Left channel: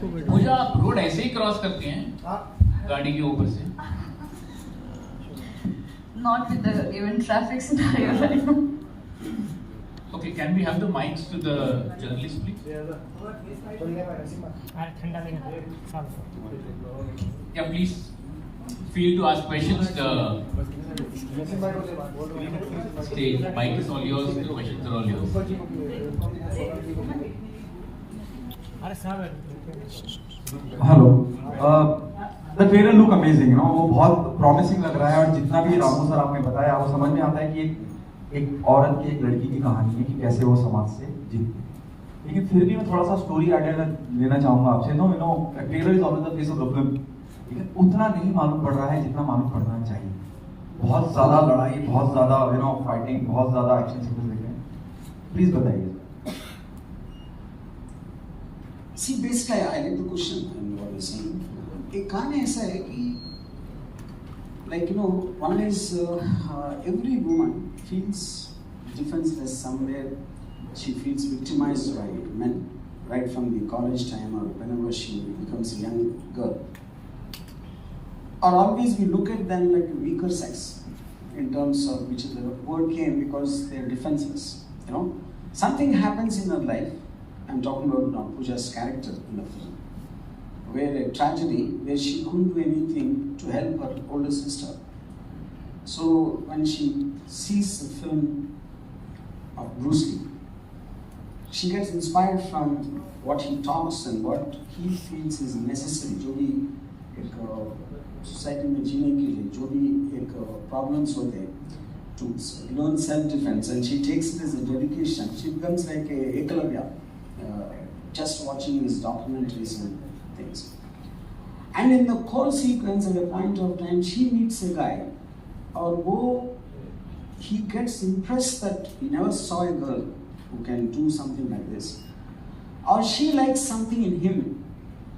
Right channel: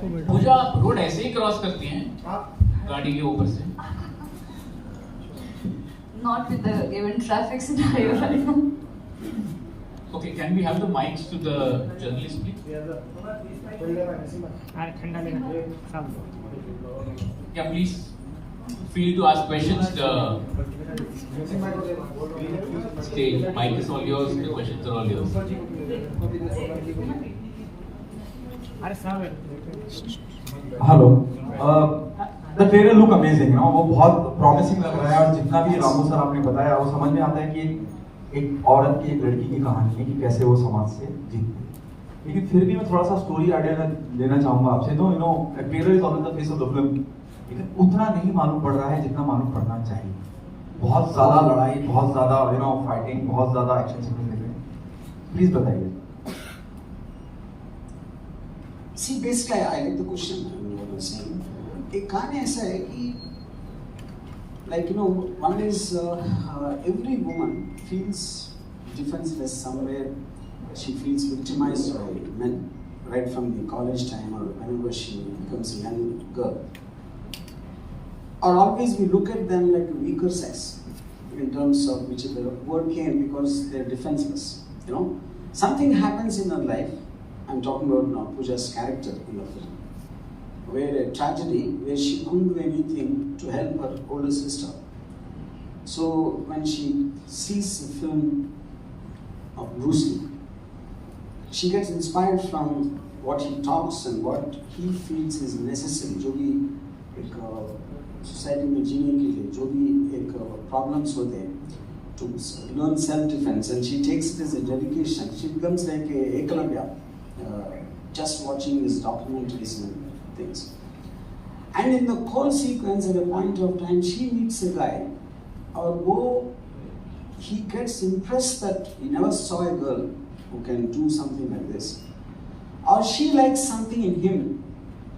पूजा आप रोड ऐसे ही क्रॉस करती हैं गाड़ी के ऊपर से? Not with the given traffic scenario right now. Okay, can we have the mics to the journalist, please? Yeah, please feel to ask questions. The stage, mic is all yours. The questions are all yours. Hello the trailer look amazing, वो बहुत promising लग रहा है और जितना भी Ramu sir आपने बताया वो समझ में आता है कि एक औरत की, एक लड़की की कहानी है कि कैसे वो समाज से जीतती है। लेकिन फिर भी मैं थोड़ा सा स्टोरी आइडिया लेना चाहूँगा आपसे। Trailer is always the face of the film, लेकिन उतना नहीं मालूम पड़ रहा है जितना मालूम पड़ना चाहिए। बहुत ज़्यादा लड़ाई, बहुत ज़्यादा फाइटिंग, बहुत ज़्यादा एक्शन सीक्वेंस देख रहे हैं, प्लीज़ बताइए। See, basically, I like the question and what you're saying. एक कहानी ऐसा है कि, one is every woman feels defenseless somewhere. She feels victimized by men, right from the college time or whenever she becomes a young girl. Or always we look at them like a weaker sex, in terms of which the word came because they're defenseless. Something happens in her life. I'm talking about now Pooja's character in the film, where a tragedy where she couldn't do anything to help her older sister. So when she sees the film of Bruce Lee, she gets inspired from what he talks and what he feels is necessary. जो भी एक society में जीने के लिए जो भी एक problems होते हैं, to learn self-defense, and she takes it as a dedication. She becomes like a Ekalavya. Just watching his documentaries and things. And in the whole sequence, at a point of time, she meets a guy, he gets impressed that he never saw a girl who can do something like this. Or she likes something in him,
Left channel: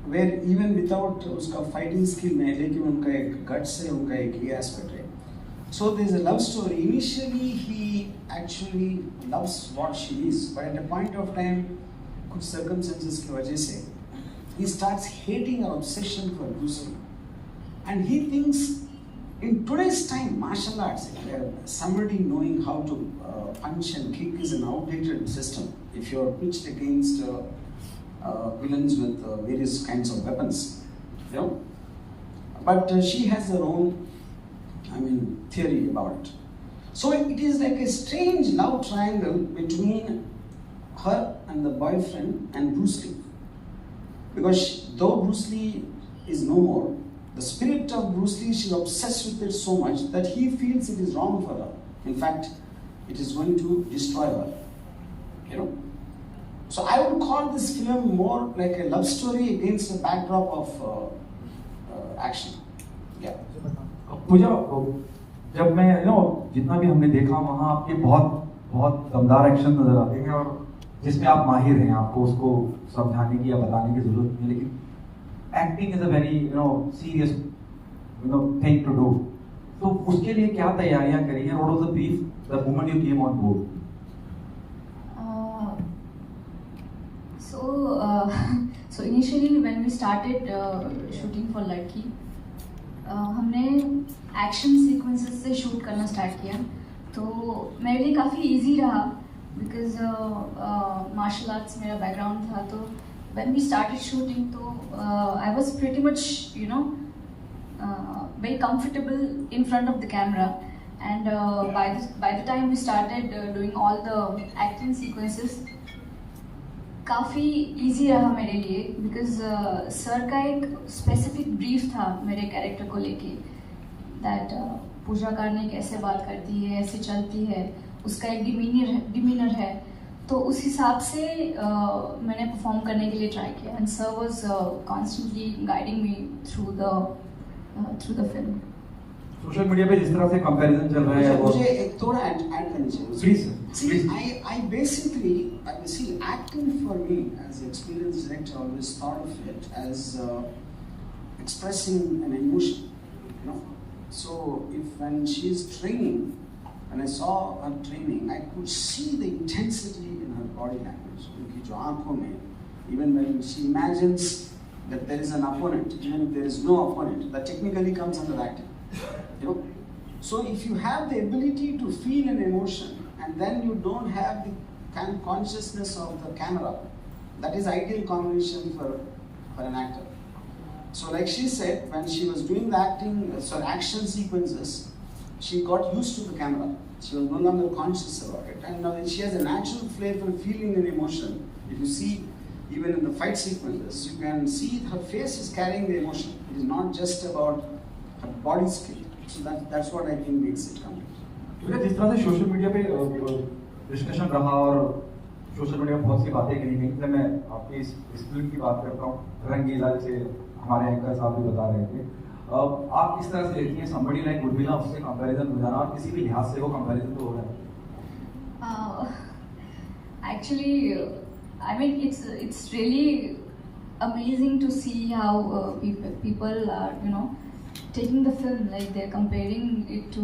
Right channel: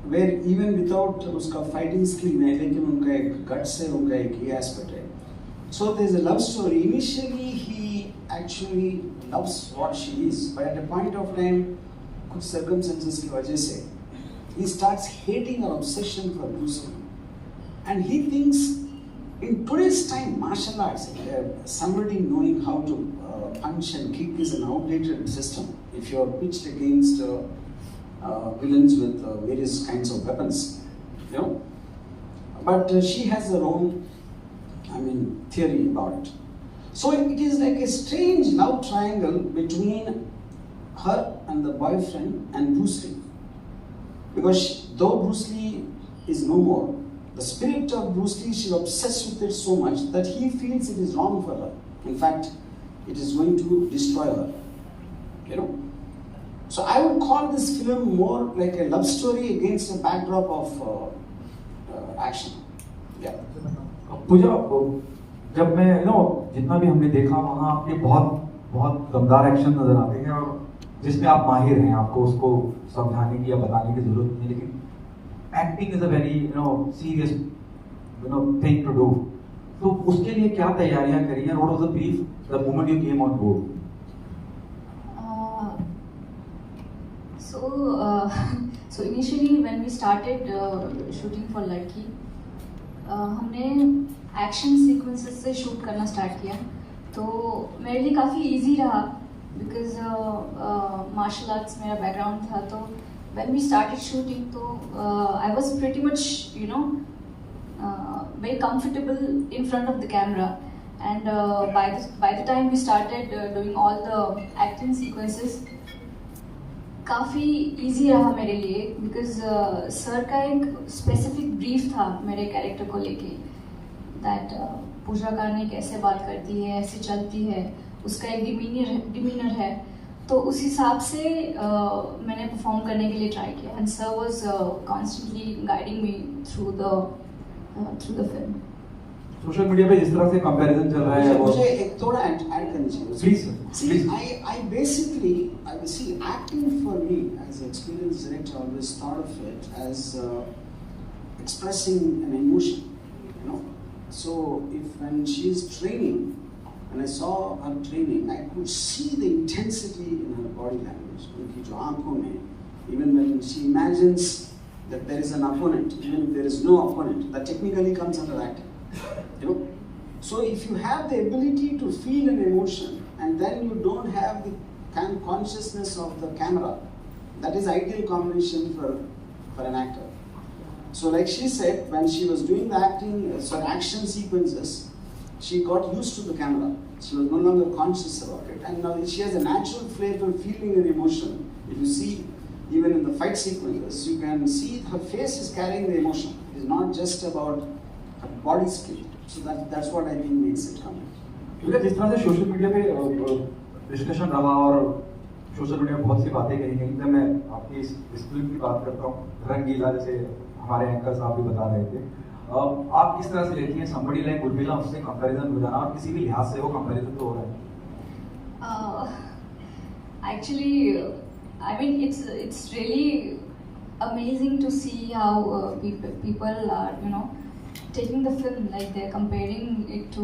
where even without uska fighting skill, लेकिन उनका एक guts है, उनका एक ये aspect है. So there's a love story. Initially, he actually loves what she is, but at a point of time, कुछ circumstances की वजह से he starts hating her obsession for Bruce Lee, and he thinks in today's time martial arts, somebody knowing how to punch and kick is an outdated system. If you are pitched against villains with various kinds of weapons, but she has her own theory about it. So it is like a strange love triangle between her and the boyfriend and Bruce Lee, because though Bruce Lee is no more, the spirit of Bruce Lee, she's obsessed with it so much that he feels it is wrong for her. In fact, it is going to destroy her. So I would call this film more like a love story against a backdrop of action. Yeah. पूजा, जब मैं जितना भी हमने देखा वहाँ आपके बहुत दमदार एक्शन नजर आते हैं और जिसमें आप माहिर हैं, आपको उसको समझाने की या बताने की जरूरत नहीं, लेकिन acting is a very serious thing to do. तो उसके लिए क्या तैयारियां करी हैं? What was the brief the moment you came on board? So initially when we started shooting for Ladki, हमने एक्शन सीक्वेंसेस से शूट करना स्टार्ट किया, तो मेरे लिए काफ़ी इजी रहा बिकॉज मार्शल आर्ट्स मेरा बैकग्राउंड था। तो व्हेन वी स्टार्टेड शूटिंग तो I was pretty much very comfortable in front of the camera, and by the time we started doing all the acting sequences, काफ़ी easy रहा मेरे लिए because sir का एक स्पेसिफिक ब्रीफ था मेरे character को लेके, दैट पूजा करने कैसे बात करती है, ऐसे चलती है, उसका एक डिमीनर है, तो उस हिसाब से मैंने परफॉर्म करने के लिए ट्राई किया, and sir was constantly guiding me through the film. Social media पे जिस तरह से कंपैरिजन चल रहा है, मुझे एक थोड़ा ऐड करना चाहिए please. I basically see acting for me as an experienced director, always thought of it as expressing an emotion, so when she is training, when I saw her training, I could see the intensity in her body language, उनकी जो आंखों में, even when she imagines that there is an opponent, even if there is no opponent, that technically comes under acting. You know? So if you have the ability to feel an emotion and then you don't have the consciousness of the camera, that is ideal combination for an actor. So like she said, when she was doing the action sequences, she got used to the camera. She was no longer conscious about it. And now she has a natural flair for feeling an emotion. If you see, even in the fight sequences, you can see her face is carrying the emotion. It is not just about her body speak. So that's what I think makes it come. because जिस तरह से social media पे discussion रहा और social media में बहुत सी बातें कही गई, जब मैं आपकी इस फिल्म की बात करता हूँ, रंगीला, जैसे हमारे एंकर साहब भी बता रहे थे, आप किस तरह से लेती हैं somebody like उर्मिला, उससे कंपैरिजन हो जाना, और किसी भी लिहाज से वो कंपैरिजन तो हो रहा है? Actually, I mean, it's really amazing to see how people are, you know, taking the film, like they're comparing it to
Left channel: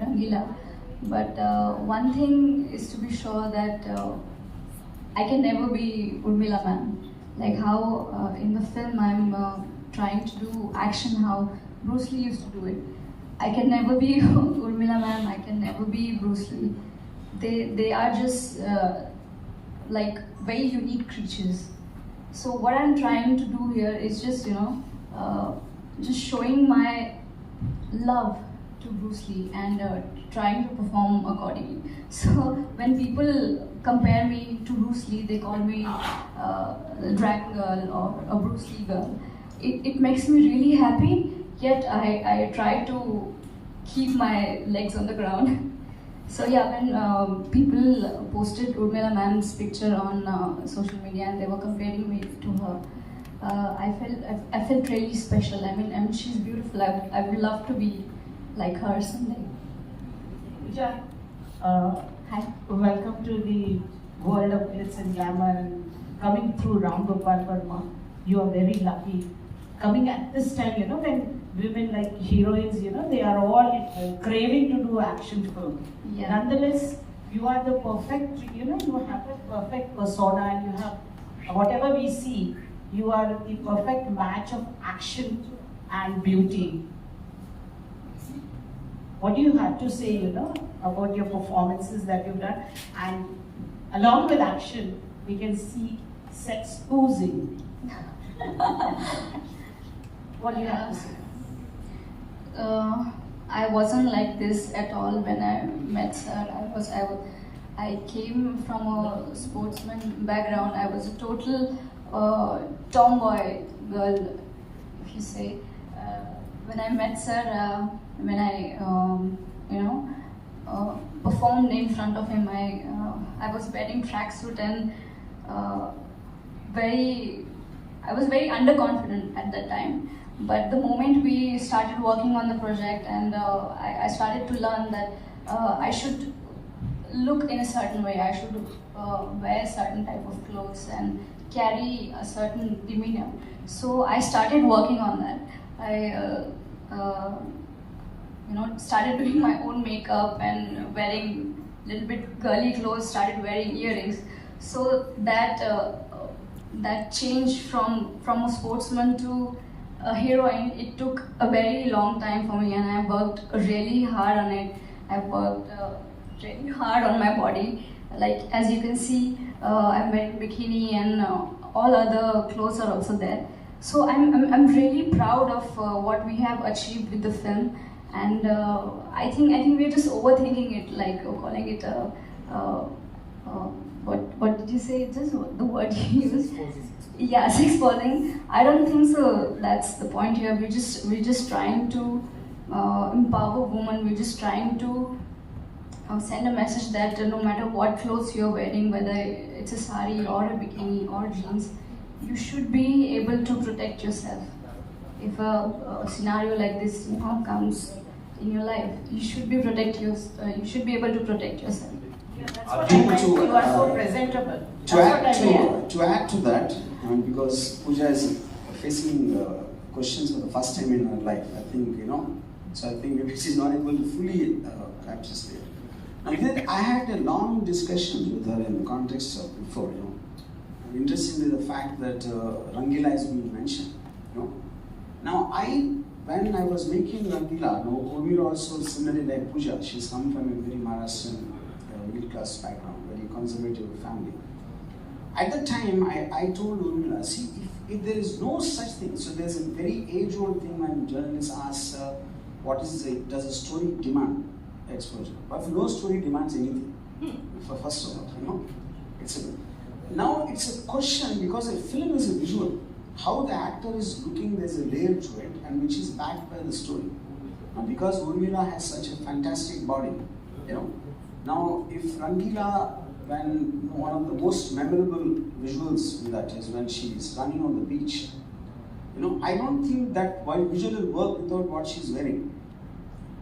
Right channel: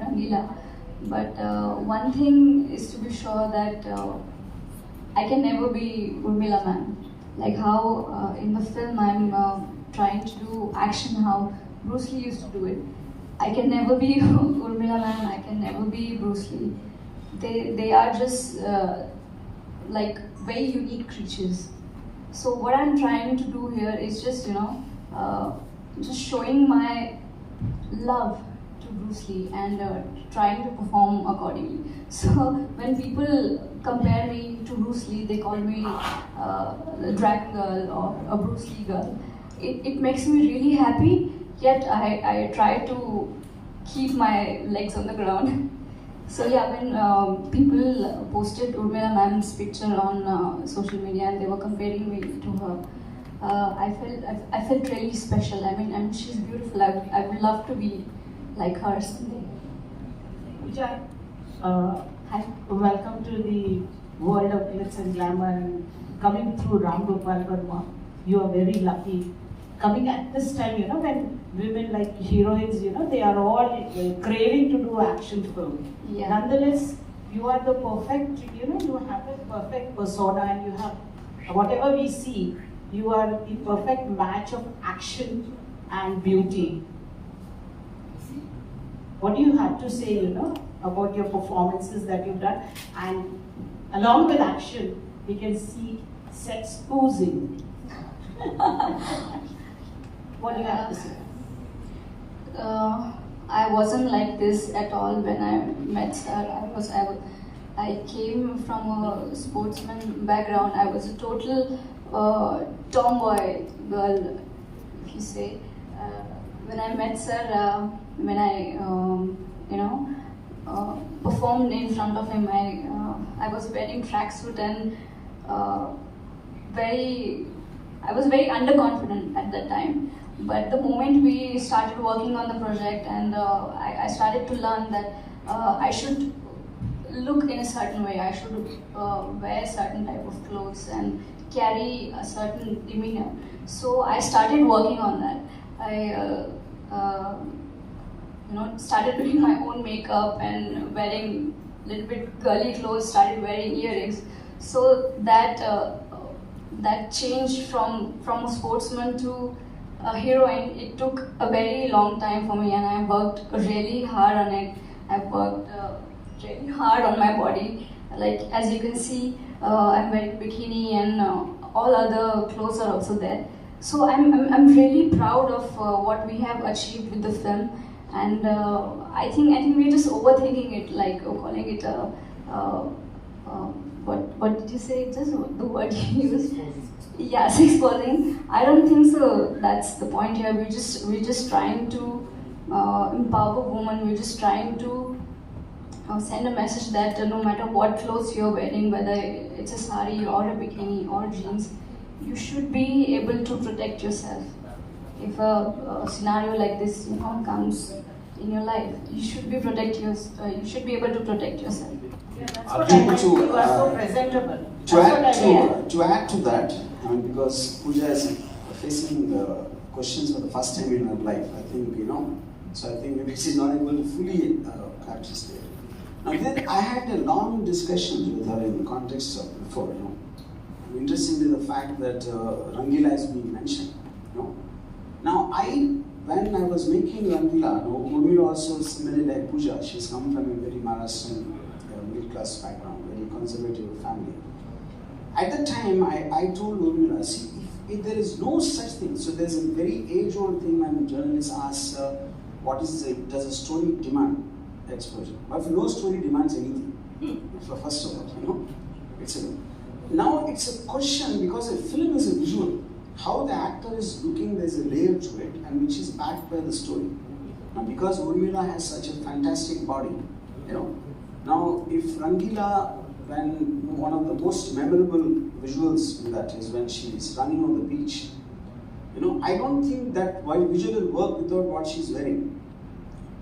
Rangila. But one thing is to be sure that I can never be Urmila ma'am. Like how in the film I'm trying to do action how Bruce Lee used to do it. I can never be Urmila ma'am, I can never be Bruce Lee. They are just like very unique creatures. So what I'm trying to do here is just, you know, just showing my love to Bruce Lee and trying to perform accordingly. So when people compare me to Bruce Lee, they call me the Dragon Girl or a Bruce Lee girl. It makes me really happy, yet I try to keep my legs on the ground. So yeah, when people posted Urmila ma'am's picture on social media and they were comparing me to her, I felt really special. I mean she's beautiful. I would love to be like her someday. Pooja, Hi. welcome to the world of glitz and glamour, and coming through Ramgopal Varma. You are very lucky. Coming at this time, you know, when women like heroines, you know, they are all craving to do action film. Yeah. Nonetheless, you are the perfect, you know, you have a perfect persona, and you have, whatever we see, you are the perfect match of action and beauty. What do you have to say, you know, about your performances that you've done? And along with action, we can see sex oozing. What do you have to say? I wasn't like this at all when I met her. I came from a sportsman background. I was a total tomboy girl, if you say. When I met her, when I performed in front of him, I was wearing tracksuit and I was very underconfident at that time. But the moment we started working on the project and I started to learn that I should look in a certain way, I should wear a certain type of clothes and carry a certain demeanor. So I started working on that. I started doing my own makeup and wearing a little bit girly clothes, started wearing earrings. So that change from a sportsman to a heroine, it took a very long time for me, and I worked really hard on it. I worked really hard on my body. Like as you can see, I'm wearing bikini and all other clothes are also there. So I'm really proud of what we have achieved with the film, and I think we're just overthinking it, like calling it what did you say? Just the word you used. Yeah, sex posing. I don't think so. That's the point here. We're just trying to empower women. We're just trying to send a message that no matter what clothes you're wearing, whether it's a sari or a bikini or jeans, you should be able to protect yourself. If a scenario like this, comes in your life, you should be able to protect yourself. Yeah, that's what I meant. You are so presentable. To add to that, I mean, because Pooja is facing questions for the first time in her life, I think, so I think maybe she's not able to fully capture it. Now, then I had a long discussion with her in the context of before, Interestingly, the fact that Rangila is being mentioned. know. Now when I was making Rangila, Urmila also similarly like Pooja, she's come from a very Maharashtrian middle class background, very conservative family. At the time, I told Urmila, see, if there is no such thing, so there's a very age-old thing when journalists ask, does a story demand exposure? But no story demands anything, first of all, you know. Now it's a question, because a film is a visual. How the actor is looking, there's a layer to it, and which is backed by the story. Now, because Urmila has such a fantastic body, you know. Now, if Rangila, when one of the most memorable visuals in that is when she is running on the beach, you know, I don't think that visual will work without what she's wearing,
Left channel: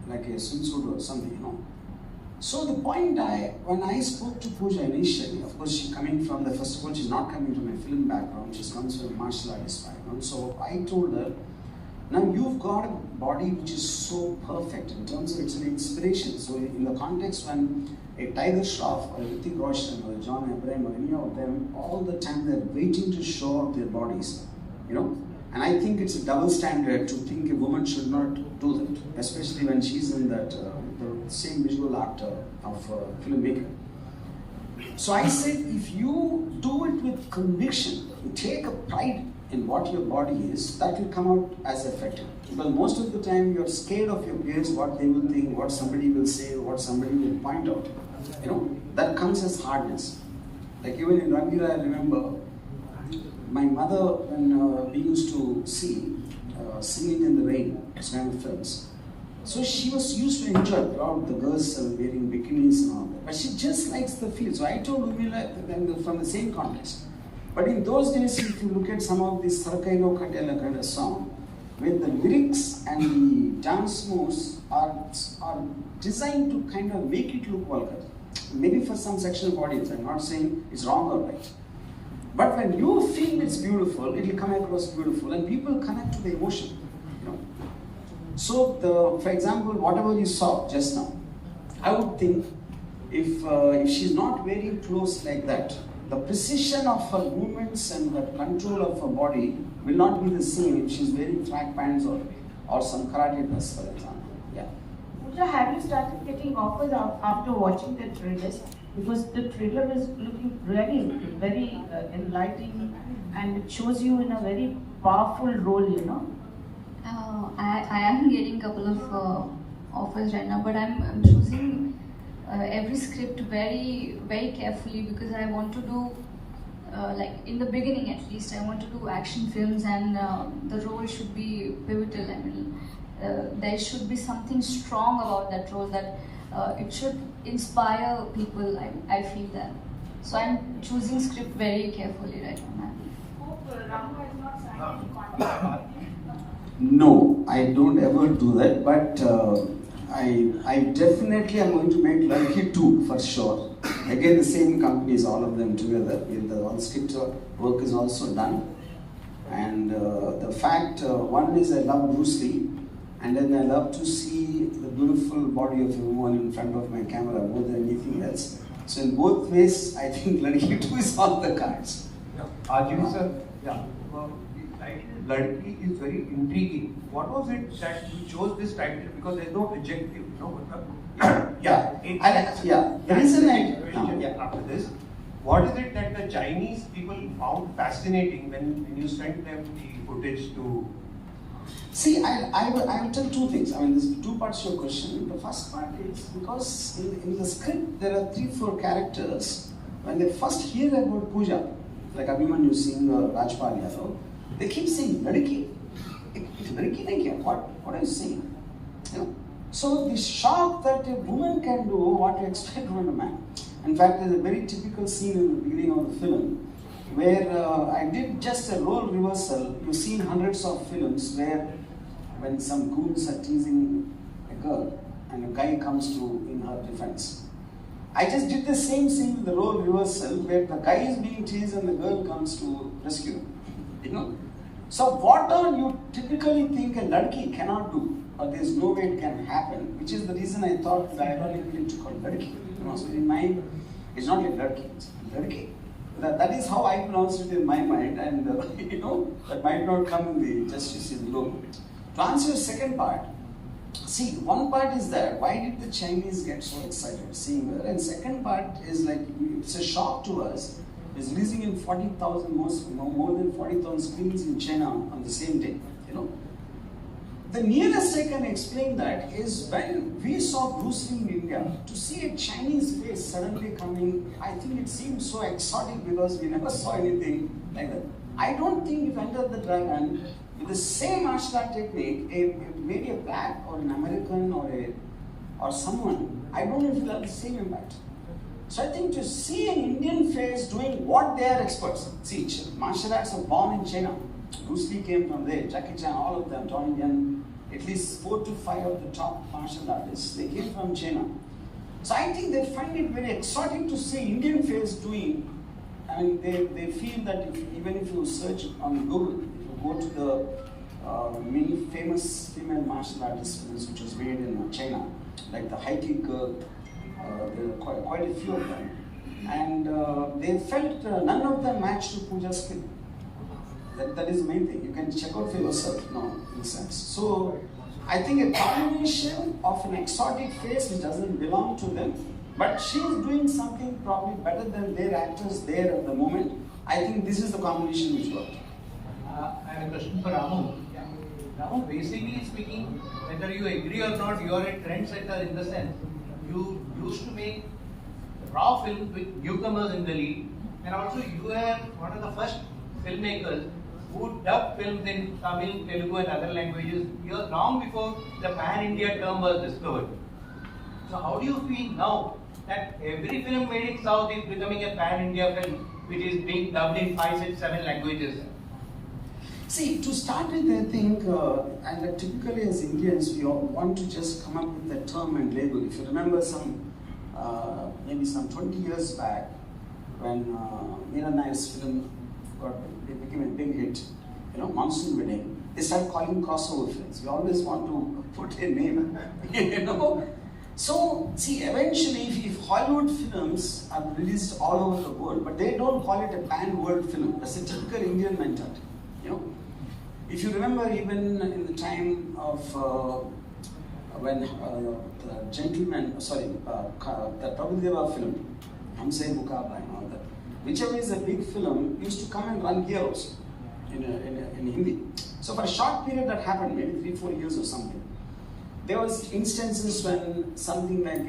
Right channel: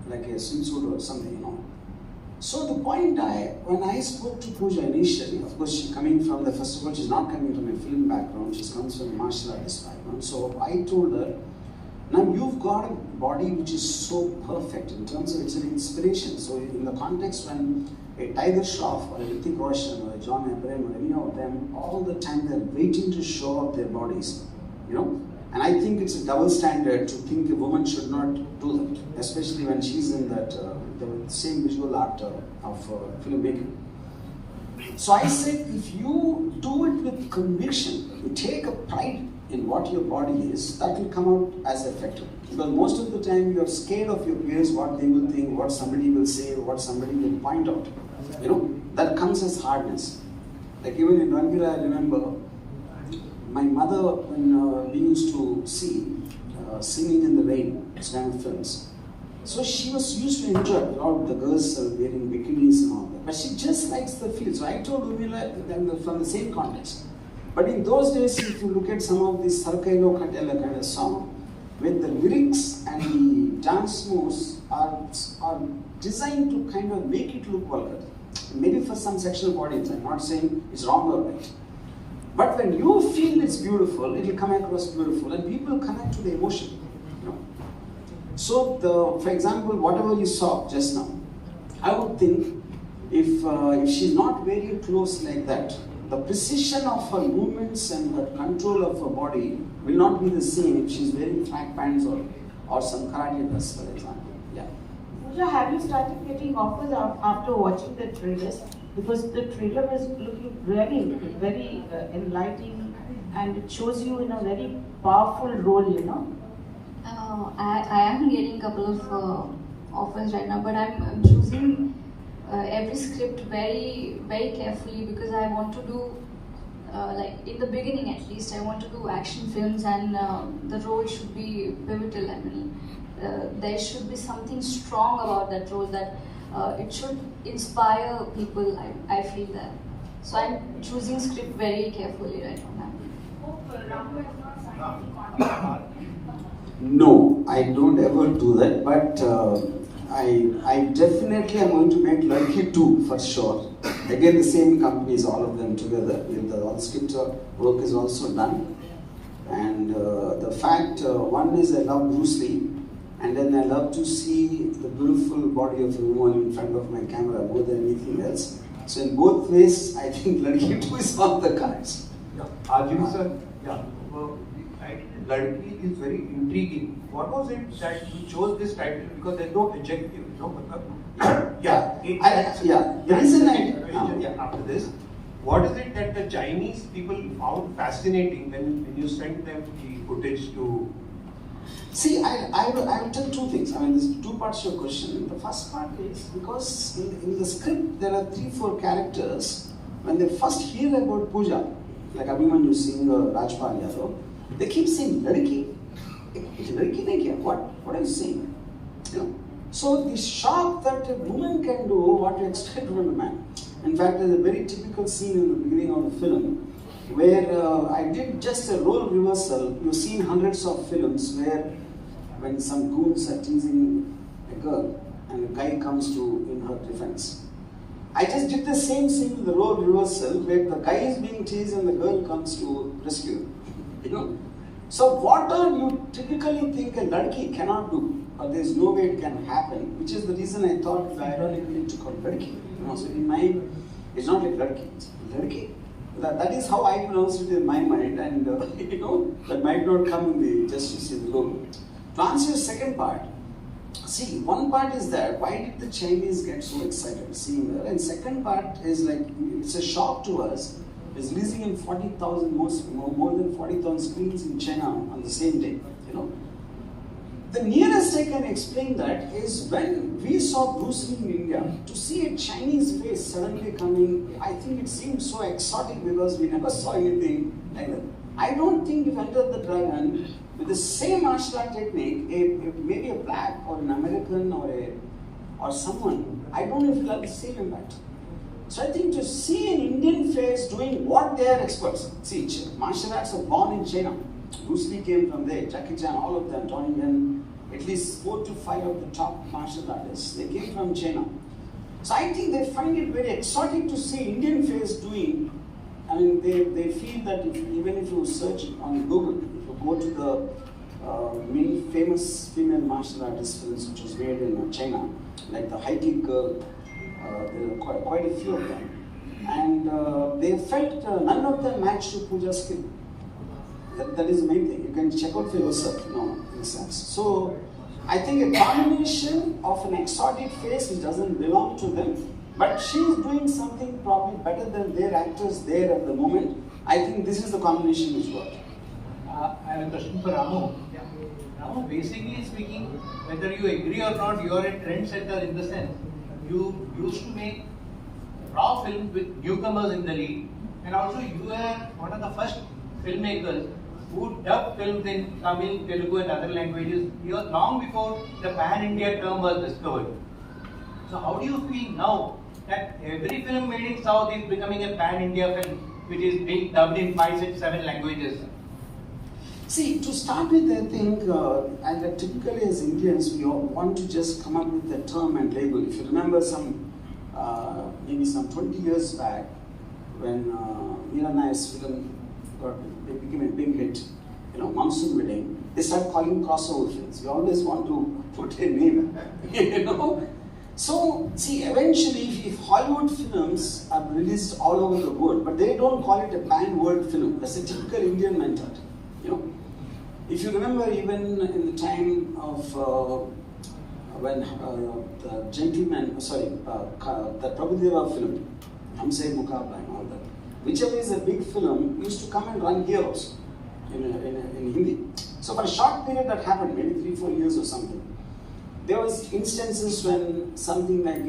like a swimsuit or something, you know. So the point when I spoke to Pooja initially, of course she's coming from first of all, she's not coming from a film background, she comes from a martial artist background. So I told her, now you've got a body which is so perfect in terms of it's an inspiration. So in the context when a Tiger Shroff or a Hrithik Roshan or a John Abraham or any of them, all the time they're waiting to show off their bodies, you know. And I think it's a double standard to think a woman should not do that, especially when she's in that the same visual art of filmmaking. So I said, if you do it with conviction, you take a pride in what your body is, that will come out as effective. Because most of the time you're scared of your peers, what they will think, what somebody will say, what somebody will point out. You know, that comes as hardness. Like even in Rangila, I remember my mother, when we used to see Singing in the Rain, this kind of films. So she was used to enjoy all the girls wearing bikinis and all that. But she just likes the feel. So I told Urmila from the same context. But in those days, if you look at some of these Sarkaino Katela kind of song, where the lyrics and the dance moves are designed to kind of make it look vulgar. Maybe for some sexual audience, I'm not saying it's wrong or right. But when you feel it's beautiful, it will come across beautiful and people connect to the emotion, you know. So, for example, whatever you saw just now, I would think if she's not very close like that, the precision of her movements and the control of her body will not be the same if she's wearing track pants or some karate dress, for example. Yeah. Pooja, have you started getting offers after watching the trailers? Because the trailer is looking really very enlightening and it shows you in a very powerful role, you know. I am getting a couple of offers right now, but I'm choosing every script very, very carefully because I want to do, like in the beginning at least, I want to do action films and the role should be pivotal. I mean, there should be something strong about that role that it should inspire people, I feel that. So I'm choosing script very carefully right now. Hope Ramu has not signed any contract. No, I don't ever do that, but I definitely am going to make Ladki 2 for sure. Again, the same companies, all of them together. All the script work is also done. And the fact, one is I love Bruce Lee, and then I love to see the beautiful body of a woman in front of my camera more than anything else. So in both ways, I think Ladki 2 is on the cards. Yeah. RGV sir, yeah. Ladki is very intriguing. What was it that you chose this title? Because there's no adjective, you know. The reason after this, what is it that the Chinese people found fascinating when you sent them the footage to? See, I will tell two things. I mean, there's two parts to your question. The first part is because in the script there are 3-4 characters. When they first hear about Pooja, like Abhimanyu Singh or Rajpal Yadav, they keep saying, Ladki? Ladki nahi kya? What are you saying? You know? So the shock that a woman can do what you expect from a man. In fact, there's a very typical scene in the beginning of the film where I did just a role reversal. You've seen hundreds of films where when some goons are teasing a girl and a guy comes to in her defense. I just did the same scene with the role reversal where the guy is being teased and the girl comes to rescue him. You know? So what all you typically think a Ladki cannot do, or there's no way it can happen, which is the reason I thought ironically to call Ladki. You know, so in my, it's not like Ladki, it's Ladki. That is how I pronounced it in my mind, and that might not come in the justice in the logo. To answer your second part, see, one part is that why did the Chinese get so excited seeing her, and second part is like it's a shock to us. It's releasing in 40,000 more than 40,000 screens in China on the same day. The nearest I can explain that is when we saw Bruce Lee in India, to see a Chinese face suddenly coming, I think it seemed so exotic because we never saw anything like that. I don't think if Enter the Dragon with the same martial art technique, maybe a black or an American or someone, I don't know if it'll have the same impact. So I think to see an Indian face doing what they are experts. See, martial arts are born in China. Bruce Lee came from there, Jackie Chan, all of them, Tony Yen, at least 4 to 5 of the top martial artists, they came from China. So I think they find it very exotic to see Indian face doing, I mean, they feel that even if you search on Google, if you go to the many famous female martial artist films which was made in China, like the High Kick Girl, there are quite a few of them. And they felt none of them matched to Pooja's skill. That is the main thing. You can check out for yourself, in a sense. So, I think a combination of an exotic face which doesn't belong to them, but she is doing something probably better than their actors there at the moment. I think this is the combination which worked. I have a question for Ramu. Ramu, basically speaking, whether you agree or not, you are a trendsetter in the sense you used to make raw films with newcomers in the lead, and also you were one of the first filmmakers who dubbed films in Tamil, Telugu and other languages long before the pan-India term was discovered. So how do you feel now that every film made in South is becoming a pan-India film which is being dubbed in 5, 6, 7 languages? See, to start with, I think, and typically as Indians, we all want to just come up with a term and label. If you remember maybe some 20 years back, when Meera Nair's film became a big hit, Monsoon Wedding, they started calling crossover films. We always want to put a name, So, see, eventually, if Hollywood films are released all over the world, but they don't call it a pan-world film. That's a typical Indian mentality, If you remember, even in the time of when the gentleman, that Prabhudeva film, Hamse Mukabla and all that, whichever is a big film, used to come and run here also in Hindi. So for a short period that happened, maybe 3-4 years or something. There was instances when something like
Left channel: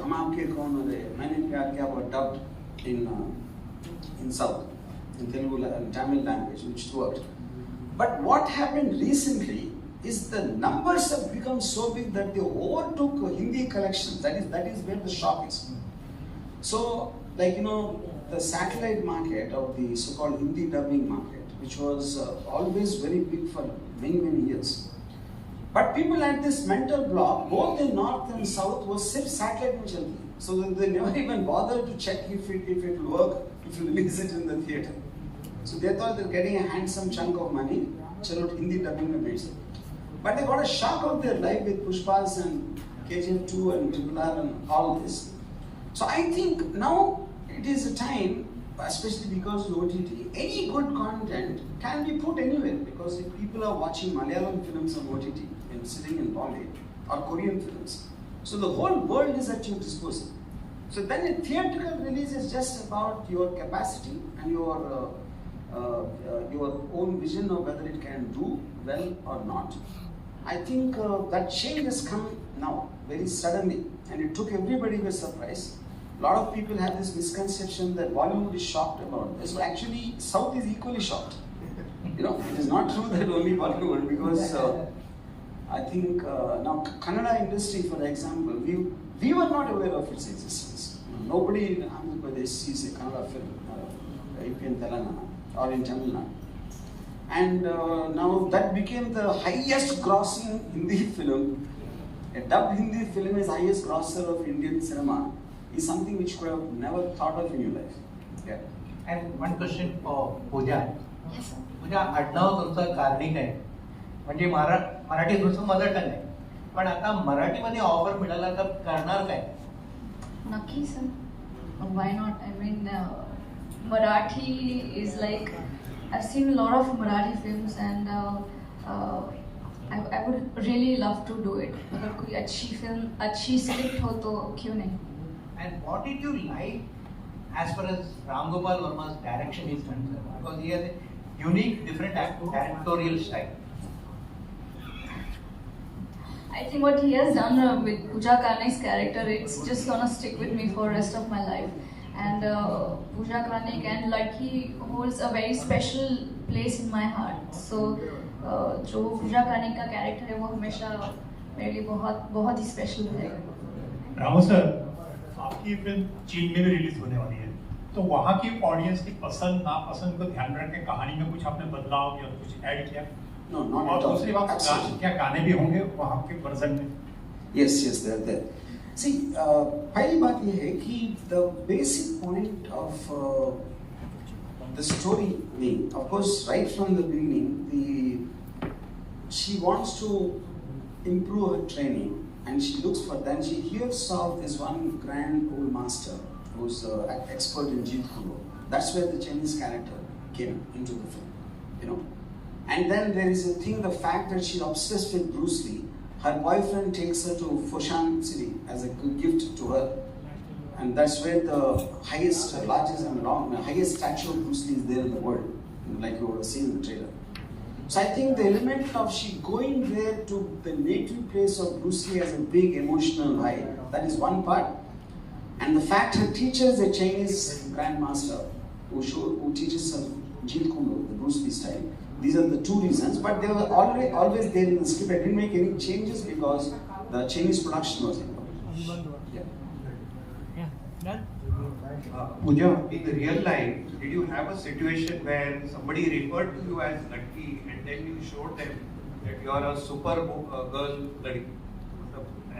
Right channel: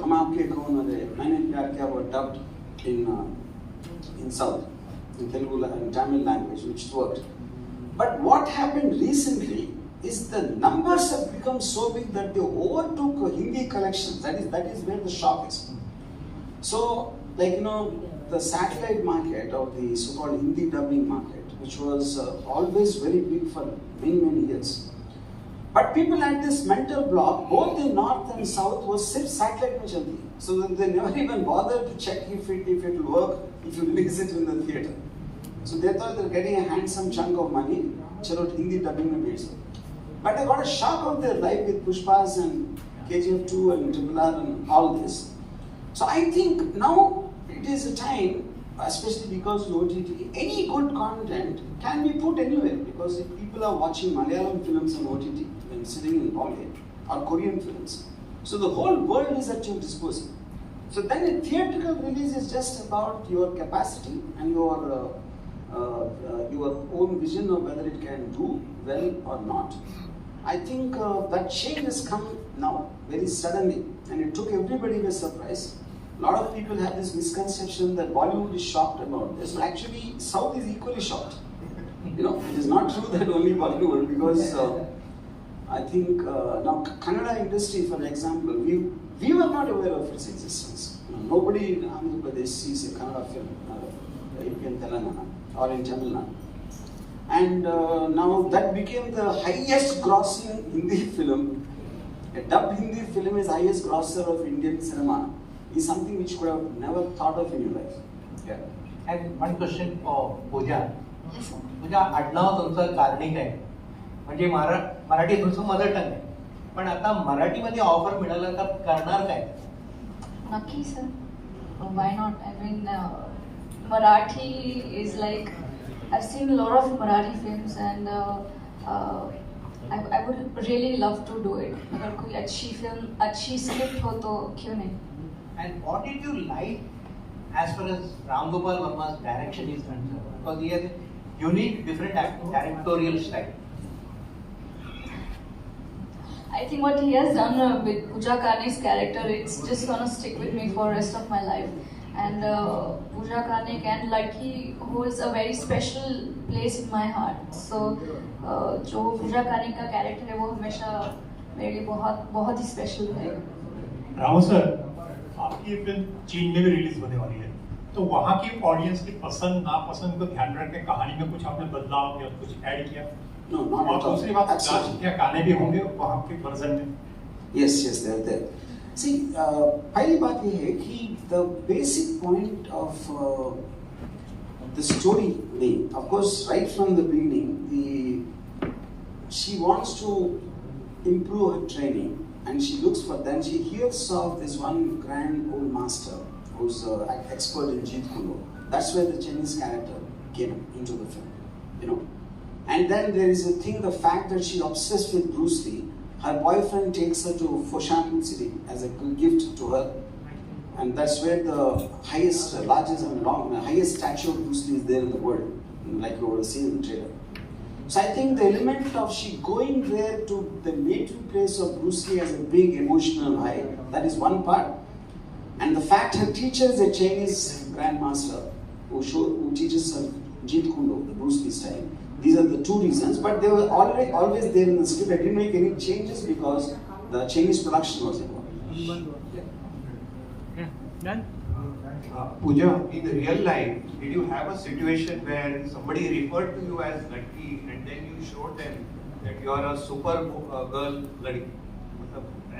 Hum Aapke Kaun or Maine Pyar Kiya were dubbed in South, in Telugu and Tamil language, which worked. But what happened recently is the numbers have become so big that they overtook Hindi collections. That is where the shock is. So, the satellite market or the so-called Hindi dubbing market, which was always very big for many, many years. But people had this mental block, both in North and South, was satellite jaldi. So they never even bothered to check if it will work, if you release it in the theatre. So they thought they were getting a handsome chunk of money, chalo Hindi dubbing mein bech. But they got a shock of their life with Pushpas and KGF 2 and Triple R and all this. So I think now it is a time, especially because of OTT, any good content can be put anywhere, because if people are watching Malayalam films on OTT and sitting in Bombay, or Korean films, so the whole world is at your disposal. So then a theatrical release is just about your capacity and your own vision of whether it can do well or not. I think that change has come now, very suddenly, and it took everybody by surprise. A lot of people have this misconception that Bollywood is shocked about this, but actually South is equally shocked. It is not true that only Bollywood, because I think now Kannada industry, for example, we were not aware of its existence. Nobody in Andhra Pradesh sees a Kannada film in Telangana or in Tamil Nadu. And now that became the highest grossing Hindi film. A dubbed Hindi film is highest grosser of Indian cinema. Is something which you could have never thought of in your life. Yeah. And one question for Pooja. Yes, sir. Pooja, आडनाव तुमचं cardiac आहे, म्हणजे मराठी तुमचं mother tongue आहे, पण आता मराठीमध्ये offer मिळालं तर करणार काय? Naki, sir. Why not? I mean, Marathi is like, I've seen a lot of Marathi films and I would really love to do it. अगर कोई अच्छी film, अच्छी script हो तो क्यों नहीं? And what did you like as far as Ramgopal Varma's direction is concerned? Because he has a unique, different directorial style. I think what he has done with Pooja Kane's character, it's just gonna stick with me for the rest of my life. And Pooja Kane and Ladki holds a very special place in my heart. So, जो Pooja Kane का character है वो हमेशा मेरे लिए बहुत ही special रहेगा. रामो सर, आपकी फिल्म चीन में भी रिलीज होने वाली है, तो वहाँ की ऑडियंस की पसंद नापसंद को ध्यान रख के कहानी में कुछ आपने बदलाव या कुछ ऐड किया? No, not और at all. दूसरी बात, क्या गाने भी होंगे वहाँ के वर्जन में? Yes, they are there. See, पहली बात ये है कि the basic point of the story, of course, right from the beginning, she wants to improve her training, and she looks for that. She hears of this one grand old master who's an expert in Jeet Kune Do. That's where the Chinese character came into the film, you know. And then there is a thing, the fact that she's obsessed with Bruce Lee. Her boyfriend takes her to Foshan City as a gift to her, and that's where the highest, largest and highest statue of Bruce Lee is there in the world, like you would have seen in the trailer. So I think the element of she going there to the native place of Bruce Lee has a big emotional high. That is one part, and the fact her teacher is a Chinese grandmaster who teaches her Jeet Kune Do, the Bruce Lee style. These are the two reasons, but they were always there in the script. I didn't make any changes because the Chinese production was involved. Pooja, in the real life, did you have a situation where somebody referred to you as Ladki and then you showed them that you are a super girl Ladki?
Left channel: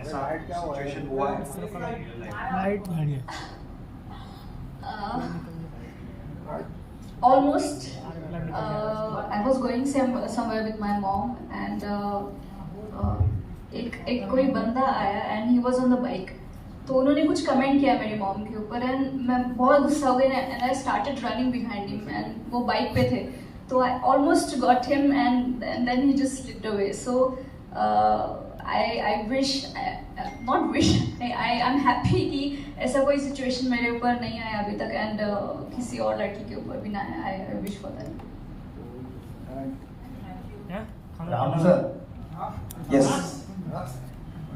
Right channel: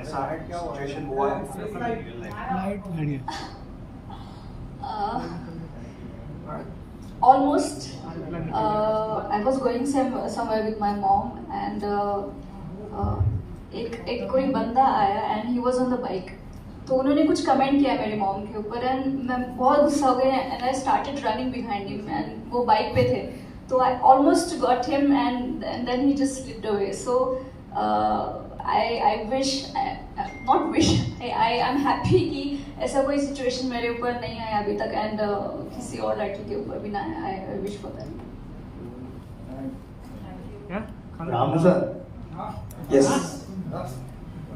ऐसा situation हुआ है in real life? Almost. I was going somewhere with my mom and एक कोई बंदा आया and he was on the bike. तो उन्होंने कुछ कमेंट किया मेरी मॉम के ऊपर and मैं बहुत गुस्सा हो गई and I started running behind him and वो बाइक पे थे. तो I almost got him and then he just slipped away. So I wish, not wish, I am happy कि ऐसा कोई situation मेरे ऊपर नहीं आया अभी तक and किसी और लड़की के ऊपर भी ना आया. I wish for that. Ramu sir, Yes.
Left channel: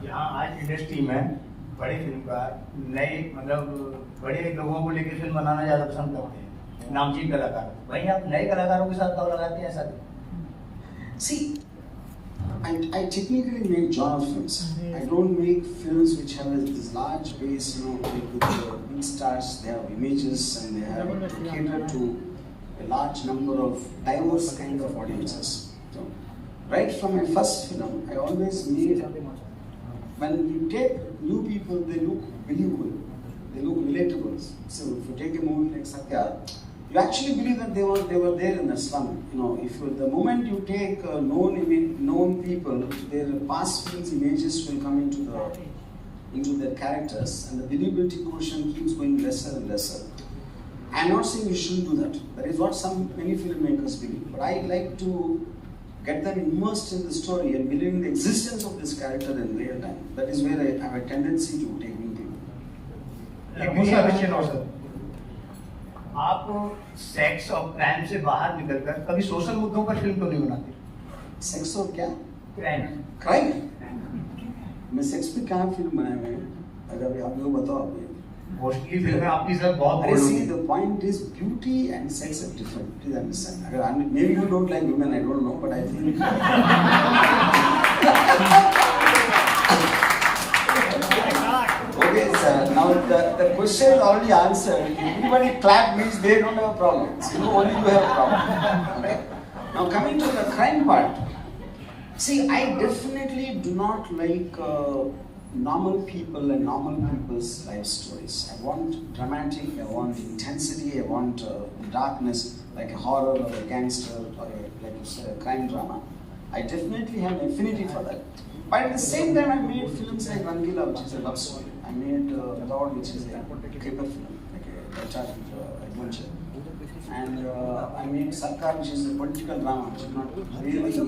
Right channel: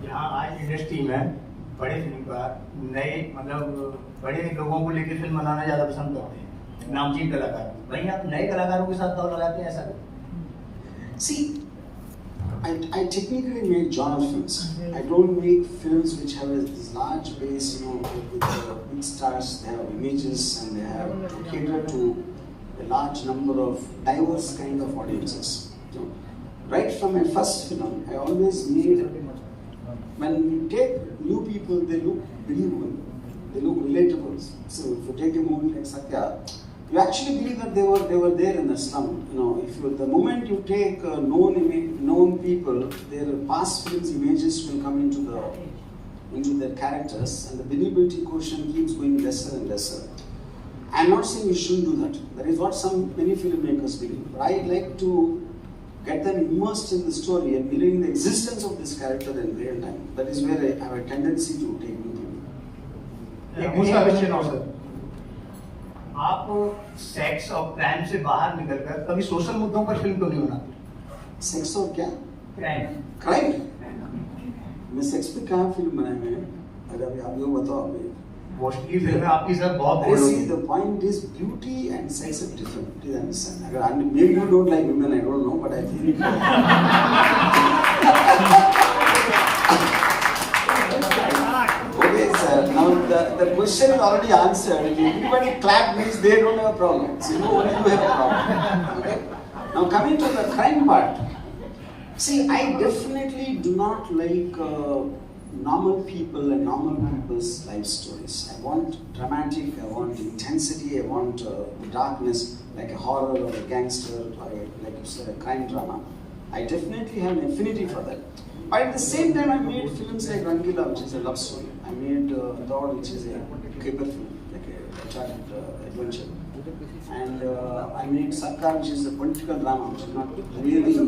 यहाँ आज इंडस्ट्री में बड़े फिल्मकार नए मतलब बड़े लोगों को लेकर फिल्म बनाना ज़्यादा पसंद करते हैं, नामचीन कलाकार. वहीं आप नए कलाकारों के साथ दाव लगाते हैं, ऐसा? See, I technically make genre films. I don't make films which have this large base, you know, with big stars. They have images and they have to cater to a large number of diverse kind of audiences. So, right from my first film, I always made, when you take new people, they look believable, they look relatable. So if you take a movie like Satya, you actually believe that they were there in the slum. You know, the moment you take known people, their past films images will come into their characters, and the believability quotient keeps going lesser and lesser. I'm not saying you shouldn't do that. That is what many filmmakers believe. But I like to get them immersed in the story and believe in the existence of this character in real time. That is where I have a tendency to take new people. एक दूसरा question और sir, आप sex और crime से बाहर निकलकर कभी social मुद्दों पर फिल्म क्यों नहीं बनाते? सेक्स और क्या? क्राइम. मैं सेक्स पे कहाँ फिल्म बनाए हुए हैं? अगर आप लोग बताओ आप मुझे. मोस्टली फिल्में आपकी सर बहुत I see the point is beauty and sex are different. Please understand. Maybe you don't like women, I don't know, but I feel. Okay, sir. Now the question is already answered. If everybody clap means they don't have a problem. So only you have a problem. Okay. Now coming to the crime part. See, I definitely do not like normal people and normal people's life stories. I want dramatic, I want intensity, I want darkness, like a horror or a gangster or like you said, a crime drama. I definitely have an affinity for that. But at the same time, I made films like Rangila, which is a love story. I made Lord, which is a caper film, like a tragic adventure. and I made Sarkar, which is a political drama, which is not really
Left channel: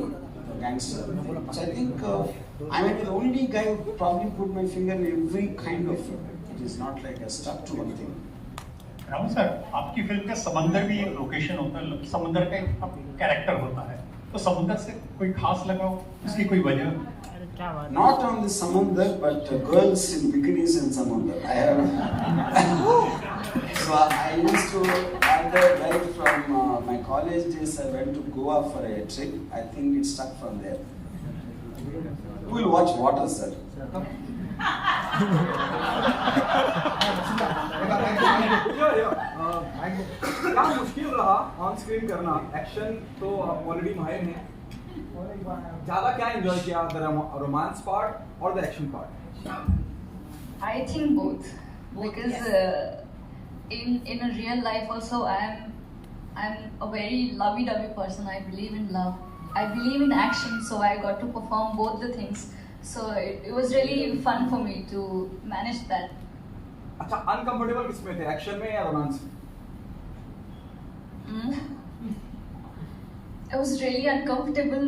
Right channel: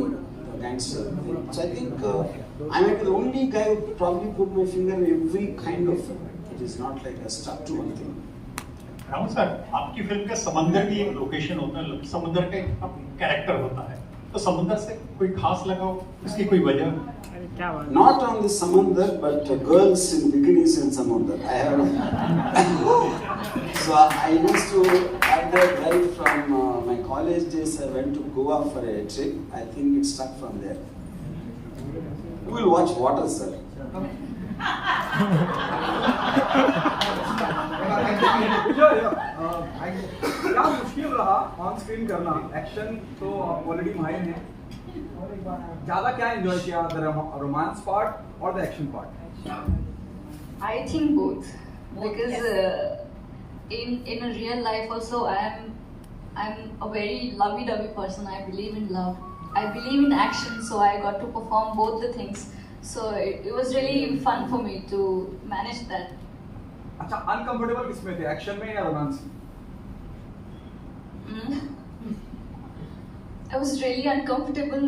a gangster thing. So I think I might be the only guy who probably put my finger in every kind of film. It is not like a stuck to one thing. Ramu sir, आपकी film का समंदर भी एक location होता है, समुद्र का एक कैरेक्टर होता है, तो समुद्र से कोई खास लगाओ, उसकी कोई वजह? Not on the samandar, but girls in bikinis in samandar. I have. So I used to have that right from my college days. I went to Goa for a trip. I think it stuck from there. You will watch water, sir. क्या मुश्किल रहा on screen करना? Action तो already माहिर हैं, ज्यादा क्या enjoy किया, द रोमांस पार्ट और the action part? I think both, because in a real life also I'm a very lovey-dovey person. I believe in love. I believe in action, so I got to perform both the things. So it was really fun for me to manage that. अच्छा, uncomfortable किसमें थे, action में या romance में? I was really uncomfortable